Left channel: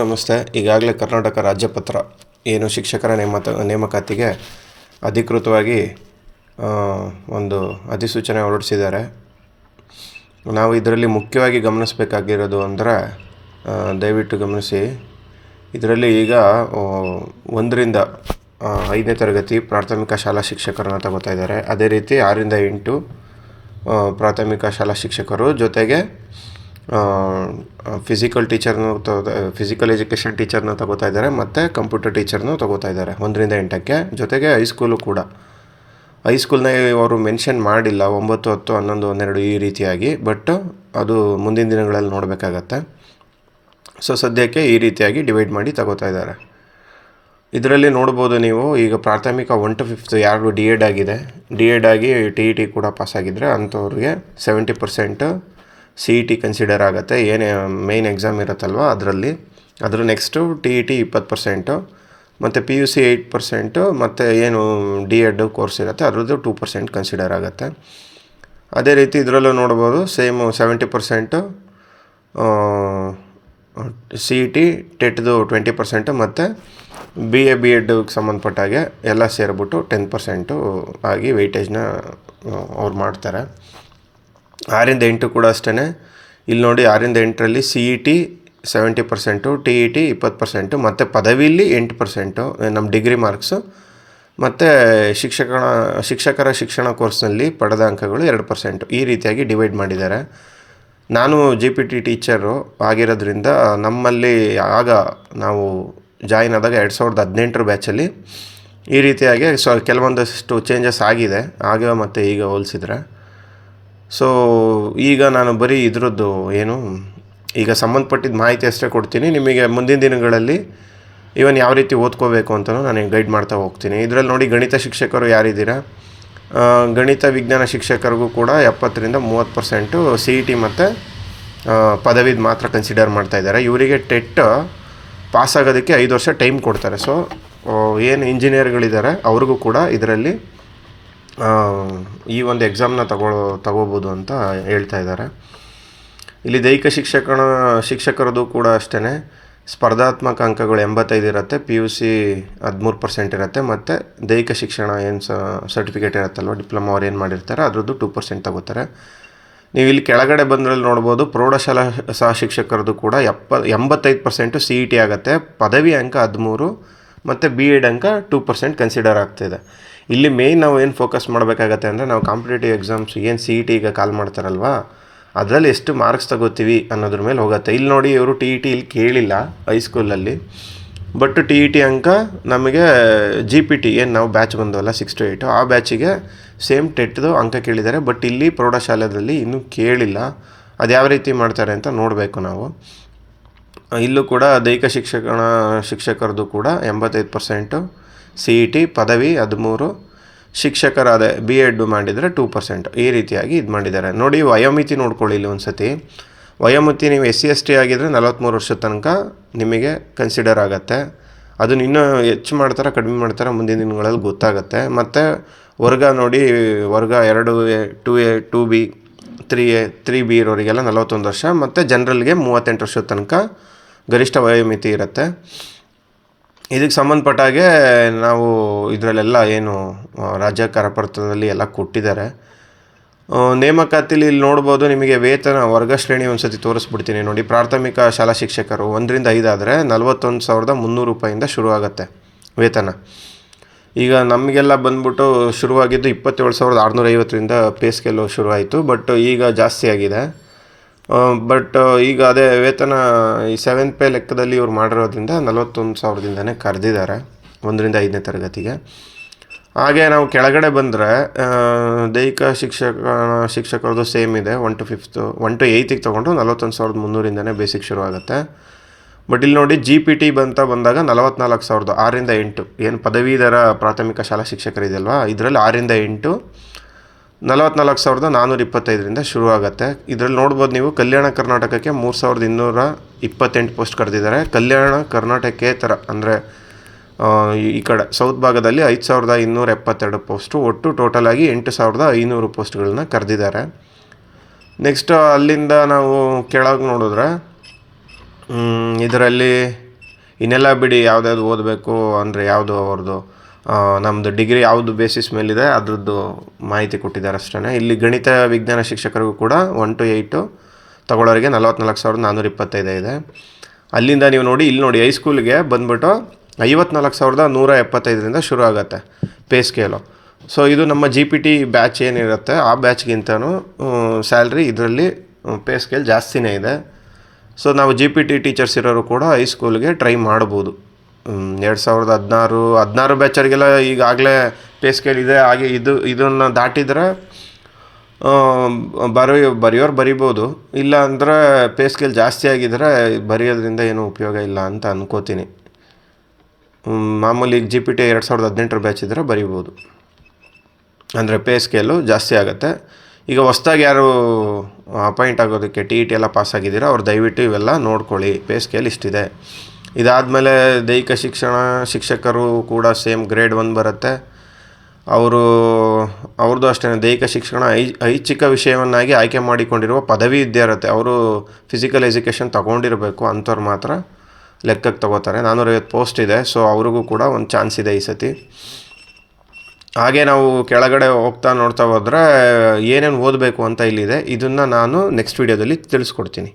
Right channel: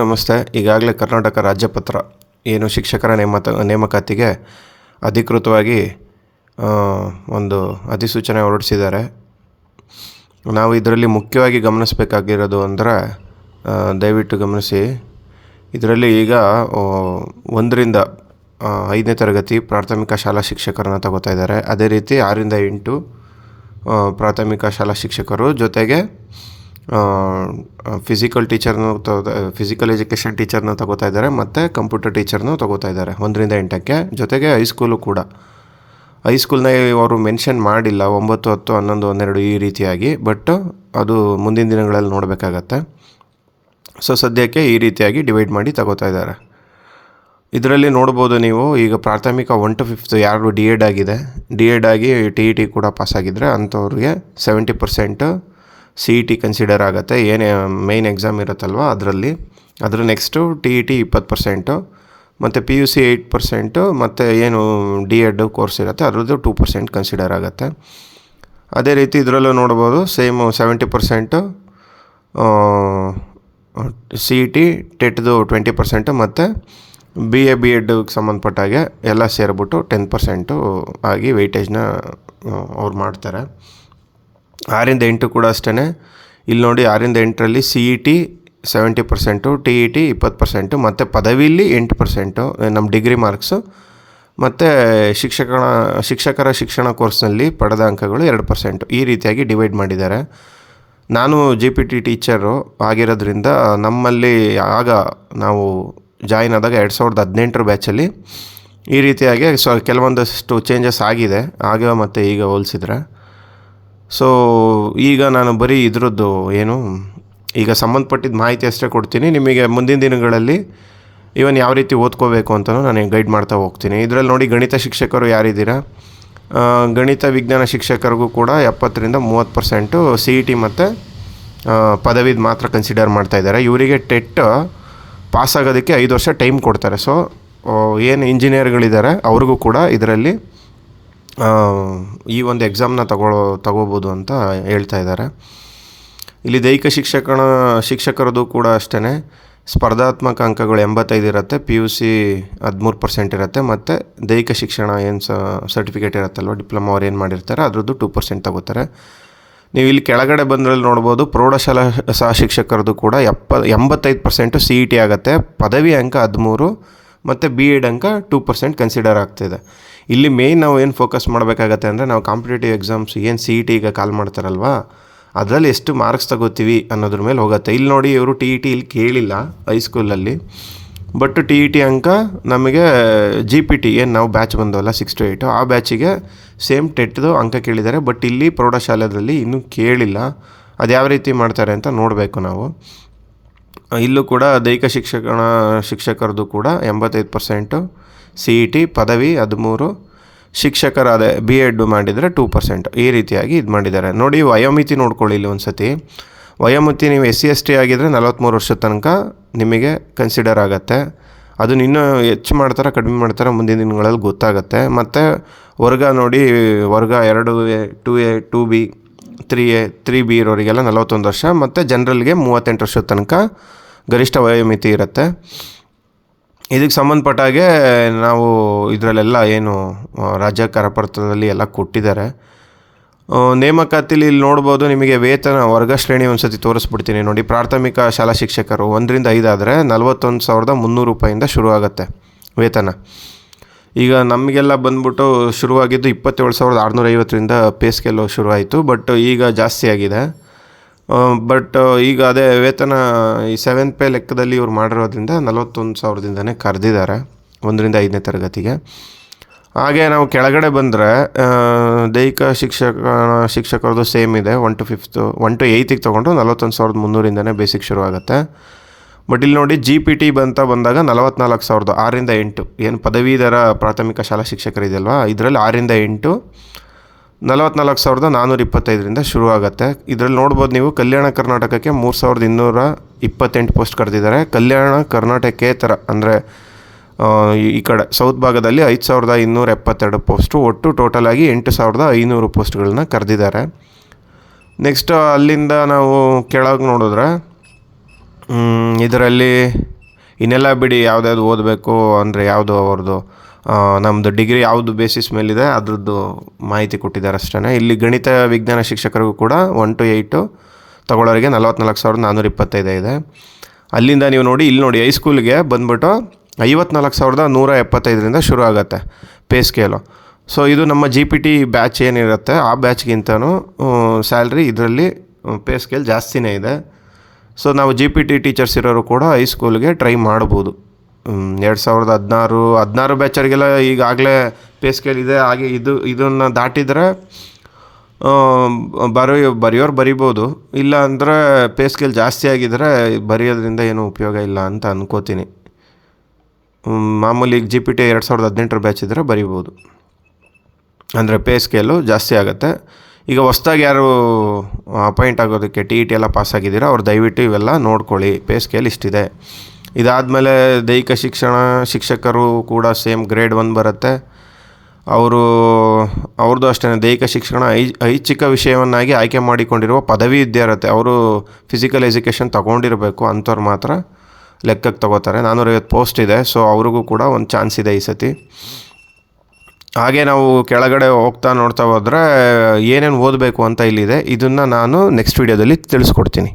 ನಮಸ್ತೆ. ಈಗಾಗಲೇ ಕರ್ನಾಟಕ ರಾಜ್ಯಪತ್ರ ಏನು ಶಿಕ್ಷಕರ ನೇಮಕಾತಿಗೆ ಅಧಿಕೃತವಾಗಿ ಒಂದು ಅಧಿಸೂಚನೆ ಹೊರಡಿಸಿದ್ದಾರೆ. ನಾವು ಇದರಲ್ಲಿ ಮುಖ್ಯವಾಗಿ ಗಮನಿಸಬೇಕಾಗಿರೋದು ಅಂದರೆ ದಯವಿಟ್ಟು ಗಮನಿಸಿ. ಇದರಲ್ಲಿ ಈಗ 1ರಿಂದ 5ನೇ ತರಗತಿ ಪ್ರಾಥಮಿಕ ಶಾಲಾ ಶಿಕ್ಷಕರನ್ನು ತಗೋತಾ ಇದ್ದಾರೆ. ಅದೇ ರೀತಿ 6ರಿಂದ 8 ಪ್ರಾಥಮಿಕ ಶಾಲಾ ಶಿಕ್ಷಕರು, ಜೊತೆಗೆ ಫಿಸಿಕಲ್ ಎಜುಕೇಷನ್ ಟೀಚರ್ನ ತಗೋತಾ ಇದ್ದಾರೆ ಮತ್ತು ಕಂಪ್ಯೂಟರ್ ಟೀಚರ್ನೂ ತಗೋತಾ ಇದ್ದಾರೆ 1ರಿಂದ 8ಕ್ಕೆ. ಜೊತೆಗೆ ಹೈಸ್ಕೂಲು ಕೂಡ. ಹೈಸ್ಕೂಲ್ನ ಅವರು ಮೆನ್ಷನ್ ಮಾಡಿಲ್ಲ 9, 10, 11, 12 ಈ ರೀತಿಯಾಗಿ, ಬಟ್ ಅದು ಮುಂದಿನ ದಿನಗಳಲ್ಲಿ ನೋಡಬೇಕಾಗತ್ತೆ. ಸೊ ಸದ್ಯಕ್ಕೆ ಈ ರೀತಿಯಾಗಿ ಡಿವೈಡ್ ಮಾಡಿ ತಗೋತಾ ಇದ್ದಾರೆ. ಇದರಲ್ಲಿ ನೋಡ್ಬೋದು ನೀವು, ಈಗ ಪ್ರಾಥಮಿಕ 1 to 5 ಯಾರು ಡಿ ಎಡ್ ಆಗಿ TET ಕೂಡ ಪಾಸಾಗಿದ್ದರೆ ಅಂಥವ್ರಿಗೆ 70% CET ಕನ್ಸಿಡರ್ ಆಗುತ್ತೆ. ಏನೇ ಮೇಯ್ನ್ ಎಕ್ಸಾಮ್ ಇರುತ್ತಲ್ವ ಅದರ ನೆಕ್ಸ್ಟು TET 20%, ಮತ್ತು PUC 8%, ಮತ್ತು ಏನು ಡಿ ಎಡ್ ಕೋರ್ಸ್ ಇರುತ್ತೆ ಅದರದ್ದು 2% ಕನ್ಸಿಡರ್ ಆಗುತ್ತೆ. ಅದೇ ರೀತಿ ಇದರಲ್ಲೂ ನೋಡ್ಬೋದು, ಸೇಮ್ 70% CET, ಟೆಟ್ದು 20%, ಮತ್ತು BA ಸಂಬಂಧಪಟ್ಟಾಗೆ ಎಲ್ಲ ಸೇರಿಬಿಟ್ಟು 10% ಆಗಿ ವೆಯ್ಟೇಜ್ನ ಅವ್ರು ಮಾಡ್ತಾರೆ. 6ರಿಂದ 8 ಕೂಡ ಅಷ್ಟೇ. ಇಲ್ಲಿ ನೋಡಿ, 6ರಿಂದ 8ರಲ್ಲಿ CET 70%, TET 20%, ಮತ್ತು ಪದವಿಲಿ 8%, ನಮ್ಮ ಡಿಗ್ರಿ ಮಾರ್ಕ್ಸು, ಮತ್ತು ಶಿಕ್ಷಕರ ಶಿಕ್ಷಣ ಕೋರ್ಸ್ನಲ್ಲಿ ಪಡೆದ ಅಂಕಗಳು 2%. ಈ ರೀತಿಯಾಗಿ ಡಿವೈಡ್ ಮಾಡಿದ್ದಾರೆ. ನಾನು GPT ಟೀಚರು ಆಗಿರೋದ್ರಿಂದ ನಮ್ಮಲ್ಲಿ ಆಗ ನಾವು ಜಾಯಿನ್ ಆದಾಗ 2018 ಬ್ಯಾಚಲ್ಲಿ ಈ ರೀತಿಯಾಗಿ ಕೆಲವೊಂದಷ್ಟು ಚೇಂಜಸ್ ಆಗಿದೆ ಆಗ ಮತ್ತು ಈಗ ಹೋಲಿಸಿದ್ರೆ. ಸೊ ಈಗ ನಾನು ಬರೀ ಇದ್ರದ್ದು ಈಗ ಸಂಬಂಧಪಟ್ಟಿದ್ದ ಮಾಹಿತಿ ಅಷ್ಟೇ ಕೊಡ್ತೀನಿ. ನಿಮಗೆ ಮುಂದಿನ ದಿನಗಳಲ್ಲಿ ಇವನ್ ಯಾವ ರೀತಿ ಓದ್ಕೋಬೇಕು ಅಂತಲೂ ನಾನು ಗೈಡ್ ಮಾಡ್ತಾ ಹೋಗ್ತೀನಿ. ಇದರಲ್ಲಿ ನೋಡಿ, ಗಣಿತ ಶಿಕ್ಷಕರು ಯಾರಿದ್ದೀರಾ, ಗಣಿತ ವಿಜ್ಞಾನ ಶಿಕ್ಷಕರಿಗೂ ಕೂಡ 70ರಿಂದ 30% CET ಮತ್ತು ಪದವಿದು ಮಾತ್ರ ಕನ್ಸಿಡರ್ ಮಾಡ್ತಾಯಿದ್ದಾರೆ. ಇವರಿಗೆ ಟೆಟ್ ಪಾಸಾಗೋದಕ್ಕೆ 5 ವರ್ಷ ಟೈಮ್ ಕೊಡ್ತಾರೆ. ಸೊ ಏನು ಇಂಜಿನಿಯರ್ಗಳಿದ್ದಾರೆ ಅವ್ರಿಗೂ ಕೂಡ ಇದರಲ್ಲಿ ಈ ಒಂದು ಎಕ್ಸಾಮ್ನ ತಗೋಬೋದು ಅಂತ ಹೇಳ್ತಾ ಇದ್ದಾರೆ. ಇಲ್ಲಿ ದೈಹಿಕ ಶಿಕ್ಷಕರದು ಕೂಡ ಅಷ್ಟೇ. ಸ್ಪರ್ಧಾತ್ಮಕ ಅಂಕಗಳು 85 ಇರುತ್ತೆ, PUC 13% ಇರುತ್ತೆ, ಮತ್ತು ದೈಹಿಕ ಶಿಕ್ಷಣ ಏನು ಸರ್ಟಿಫಿಕೇಟ್ ಇರುತ್ತಲ್ವ, ಡಿಪ್ಲೊಮಾ ಅವ್ರು ಏನು ಮಾಡಿರ್ತಾರೆ ಅದರದ್ದು 2% ತಗೋತಾರೆ. ನೀವು ಇಲ್ಲಿ ಕೆಳಗಡೆ ಬಂದ್ರಲ್ಲಿ ನೋಡ್ಬೋದು, ಪ್ರೌಢಶಾಲಾ ಸಹ ಶಿಕ್ಷಕರದು ಕೂಡ 85% CET ಆಗುತ್ತೆ, ಪದವಿ ಅಂಕ 13, ಮತ್ತು BEd ಅಂಕ 2% ಕನ್ಸಿಡರ್ ಆಗ್ತಿದೆ. ಇಲ್ಲಿ ಮೇಯ್ನ್ ನಾವು ಏನು ಫೋಕಸ್ ಮಾಡಬೇಕಾಗತ್ತೆ ಅಂದರೆ, ನಾವು ಕಾಂಪಿಟೇಟಿವ್ ಎಕ್ಸಾಮ್ಸ್ ಏನು CET ಈಗ ಕಾಲ್ ಮಾಡ್ತಾರಲ್ವ, ಅದರಲ್ಲಿ ಎಷ್ಟು ಮಾರ್ಕ್ಸ್ ತಗೋತೀವಿ ಅನ್ನೋದ್ರ ಮೇಲೆ ಹೋಗುತ್ತೆ. ಇಲ್ಲಿ ನೋಡಿ, ಇವರು TET ಇಲ್ಲಿ ಕೇಳಿಲ್ಲ ಹೈಸ್ಕೂಲಲ್ಲಿ, ಬಟ್ TET ಅಂಕ ನಮಗೆ GPT ಏನು ನಾವು ಬ್ಯಾಚ್ ಬಂದವಲ್ಲ 6 to 8 ಆ ಬ್ಯಾಚಿಗೆ ಸೇಮ್ ಟೆಟ್ದು ಅಂಕ ಕೇಳಿದ್ದಾರೆ. ಬಟ್ ಇಲ್ಲಿ ಪ್ರೌಢಶಾಲೆಯಲ್ಲಿ ಇನ್ನೂ ಕೇಳಿಲ್ಲ. ಅದು ಯಾವ ರೀತಿ ಮಾಡ್ತಾರೆ ಅಂತ ನೋಡಬೇಕು ನಾವು. ಇಲ್ಲೂ ಕೂಡ ದೈಹಿಕ ಶಿಕ್ಷಕರದು ಕೂಡ 85% CET, ಪದವಿ 13, ಶಿಕ್ಷಕರಾದ BEd ಮಾಡಿದರೆ 2%. ಈ ರೀತಿಯಾಗಿ ಇದು ಮಾಡಿದ್ದಾರೆ. ನೋಡಿ, ವಯೋಮಿತಿ ನೋಡ್ಕೊಳ್ಳಿ ಇಲ್ಲಿ ಒಂದು ಸತಿ. ವಯೋಮಿತಿ ನೀವು SC/ST ಆಗಿದ್ದರೆ 43 ವರ್ಷದ ತನಕ ನಿಮಗೆ ಕನ್ಸಿಡರ್ ಆಗುತ್ತೆ. ಅದನ್ನು ಇನ್ನೂ ಹೆಚ್ಚು ಮಾಡ್ತಾರೆ ಕಡಿಮೆ ಮಾಡ್ತಾರೆ ಮುಂದಿನ ದಿನಗಳಲ್ಲಿ ಗೊತ್ತಾಗುತ್ತೆ. ಮತ್ತು ವರ್ಗ ನೋಡಿ, ವರ್ಗ 2A, 2A, 2B, 3A, 3B ಇರೋರಿಗೆಲ್ಲ 41 ವರ್ಷ, ಮತ್ತು ಜನರಲ್ಗೆ 38 ವರ್ಷದ ತನಕ ಗರಿಷ್ಠ ವಯೋಮಿತಿ ಇರುತ್ತೆ. ಇದಕ್ಕೆ ಸಂಬಂಧಪಟ್ಟಾಗೆ ನಾವು ಇದರಲ್ಲೆಲ್ಲ ಏನು ರಾಜ್ಯ ಕರಪತ್ರದಲ್ಲಿ ಎಲ್ಲ ಕೊಟ್ಟಿದ್ದಾರೆ. ನೇಮಕಾತಿಲಿ ಇಲ್ಲಿ ನೋಡ್ಬೋದು, ನಿಮಗೆ ವೇತನ ವರ್ಗ ಶ್ರೇಣಿ ಒಂದು ಸತಿ ತೋರಿಸ್ಬಿಡ್ತೀನಿ ನೋಡಿ. ಪ್ರಾಥಮಿಕ ಶಾಲಾ ಶಿಕ್ಷಕರು 1ರಿಂದ 5 ಆದರೆ 41,300 ರೂಪಾಯಿಂದ ಶುರುವಾಗುತ್ತೆ ವೇತನ. ಈಗ ನಮಗೆಲ್ಲ ಬಂದ್ಬಿಟ್ಟು ಶುರುವಾಗಿದ್ದು 27,650ರಿಂದ ಪೇ ಸ್ಕೇಲು ಶುರುವಾಯಿತು, ಬಟ್ ಈಗ ಜಾಸ್ತಿ ಆಗಿದೆ. ಬಟ್ ಈಗ ಅದೇ ವೇತನ ಈ 7th ಪೇ ಲೆಕ್ಕದಲ್ಲಿ ಇವ್ರು ಮಾಡಿರೋದ್ರಿಂದ 41,000ದಿಂದನೇ ಕರೆದಿದ್ದಾರೆ 1ರಿಂದ 5ನೇ ತರಗತಿಗೆ. ಹಾಗೆ ನಾವು ಕೆಳಗಡೆ ಬಂದರೆ ದೈಹಿಕ ಶಿಕ್ಷಕರದು ಸೇಮ್ ಇದೆ. 1 to 8ಗೆ ತೊಗೊಂಡು 41,300ರಿಂದನೇ ಬೇಸಿಕ್ ಶುರುವಾಗುತ್ತೆ. ಬಟ್ ಇಲ್ಲಿ ನೋಡಿ, GPT ಬಂದಾಗ 44,000, 6ರಿಂದ 8 ಏನು ಪದವೀಧರ ಪ್ರಾಥಮಿಕ ಶಾಲಾ ಶಿಕ್ಷಕರಿದೆಯಲ್ವ, ಇದರಲ್ಲಿ 6ರಿಂದ 8 44,425ರಿಂದ ಶುರುವಾಗುತ್ತೆ. ಇದರಲ್ಲಿ ನೋಡ್ಬೋದು ನೀವು, ಕಲ್ಯಾಣ ಕರ್ನಾಟಕಕ್ಕೆ 3,228 ಪೋಸ್ಟ್ ಕರೆದಿದ್ದಾರೆ. ಕಲ್ಯಾಣ ಕರ್ನಾಟಕೇತರ ಅಂದರೆ ಈ ಕಡೆ ಸೌತ್ ಭಾಗದಲ್ಲಿ 5,272 ಪೋಸ್ಟು, ಒಟ್ಟು ಟೋಟಲ್ ಆಗಿ 8,500 ಪೋಸ್ಟ್ಗಳನ್ನ ಕರೆದಿದ್ದಾರೆ. ನೆಕ್ಸ್ಟ್ ಅಲ್ಲಿಂದ ನಾವು ಕೆಳಗೆ ನೋಡಿದ್ರೆ ಇದರಲ್ಲಿ ಇನ್ನೆಲ್ಲ ಬಿಡಿ ಯಾವುದ್ಯಾವ್ದು ಓದಬೇಕು ಅಂದರೆ ಯಾವುದು ಅವ್ರದ್ದು ನಮ್ಮದು ಡಿಗ್ರಿ ಯಾವುದು ಬೇಸಿಸ್ ಮೇಲಿದೆ ಅದ್ರದ್ದು ಮಾಹಿತಿ ಕೊಟ್ಟಿದ್ದಾರೆ ಅಷ್ಟೇ. ಇಲ್ಲಿ ಗಣಿತ ವಿಜ್ಞಾನ ಶಿಕ್ಷಕರಿಗೂ ಕೂಡ 1 to 8 ತಗೊಳ್ಳೋರಿಗೆ 44,425 ಇದೆ. ಅಲ್ಲಿಂದ ನೀವು ನೋಡಿ ಇಲ್ಲಿ ನೋಡಿ ಹೈಸ್ಕೂಲ್ಗೆ ಬಂದ್ಬಿಟ್ಟು 54,175ರಿಂದ ಶುರು ಆಗುತ್ತೆ ಪೇ ಸ್ಕೇಲು. ಸೊ ಇದು ನಮ್ಮ GPT ಬ್ಯಾಚ್ ಏನಿರುತ್ತೆ ಆ ಬ್ಯಾಚ್ಗಿಂತನೂ ಸ್ಯಾಲ್ರಿ ಇದರಲ್ಲಿ ಪೇ ಸ್ಕೇಲ್ ಜಾಸ್ತಿನೇ ಇದೆ. ಸೊ ನಾವು GPT ಟೀಚರ್ಸ್ ಇರೋರು ಕೂಡ ಹೈಸ್ಕೂಲ್ಗೆ ಟ್ರೈ ಮಾಡ್ಬೋದು. 2016 ಬ್ಯಾಚರ್ಗೆಲ್ಲ ಈಗಾಗಲೇ ಪೇ ಸ್ಕೇಲ್ ಇದೆ. ಹಾಗೆ ಇದನ್ನು ದಾಟಿದ್ರೆ ಬರೆಯೋರು ಬರಿಬೋದು, ಇಲ್ಲ ಅಂದರೆ ಪೇ ಸ್ಕೇಲ್ ಜಾಸ್ತಿ ಆಗಿದ್ರೆ ಬರೆಯೋದ್ರಿಂದ ಏನೂ ಉಪಯೋಗ ಇಲ್ಲ ಅಂತ ಅನ್ಕೋತೀನಿ. ಮಾಮೂಲಿ GPT 2018 ಬ್ಯಾಚ್ ಇದ್ದರೆ ಬರಿಬೋದು, ಅಂದರೆ ಪೇ ಸ್ಕೇಲು ಜಾಸ್ತಿ ಆಗುತ್ತೆ. ಈಗ ಹೊಸ್ದಾಗಿ ಯಾರು ಅಪಾಯಿಂಟ್ ಆಗೋದಕ್ಕೆ TET ಎಲ್ಲ ಪಾಸ್ ಆಗಿದ್ದೀರೋ ಅವ್ರು ದಯವಿಟ್ಟು ಇವೆಲ್ಲ ನೋಡ್ಕೊಳ್ಳಿ. ಪೇ ಸ್ಕೇಲ್ ಇಷ್ಟಿದೆ. ಇದಾದಮೇಲೆ ದೈಹಿಕ ಶಿಕ್ಷಕರು ಕೂಡ ಸೇಮ್ ಗ್ರೇಡ್ 1 ಬರುತ್ತೆ. ಅವ್ರದ್ದು ಅಷ್ಟೇ ದೈಹಿಕ ಶಿಕ್ಷಣ ಐಚ್ಛಿಕ ವಿಷಯವನ್ನಾಗಿ ಆಯ್ಕೆ ಮಾಡಿಕೊಂಡಿರುವ ಪದವಿ ವಿದ್ಯಾರ್ಥಿ, ಅವರು ಫಿಸಿಕಲ್ ಎಜುಕೇಷನ್ ತೊಗೊಂಡಿರಬೇಕು, ಅಂಥವ್ರು ಮಾತ್ರ ಲೆಕ್ಕಕ್ಕೆ ತಗೋತಾರೆ. 450 ಪೋಸ್ಟ್ ಇದೆ. ಸೊ ಅವ್ರಿಗೂ ಕೂಡ ಒಂದು ಚಾನ್ಸ್ ಇದೆ ಈ ಸತಿ. ಹಾಗೆ ನಾವು ಕೆಳಗಡೆ ನೋಡ್ತಾ ಹೋದರೆ ಏನೇನು ಓದಬೇಕು ಅಂತ ಇಲ್ಲಿದೆ. ಇದನ್ನು ನಾನು ನೆಕ್ಸ್ಟ್ ವೀಡಿಯೋದಲ್ಲಿ ತಿಳಿಸ್ಕೊಡ್ತೀನಿ.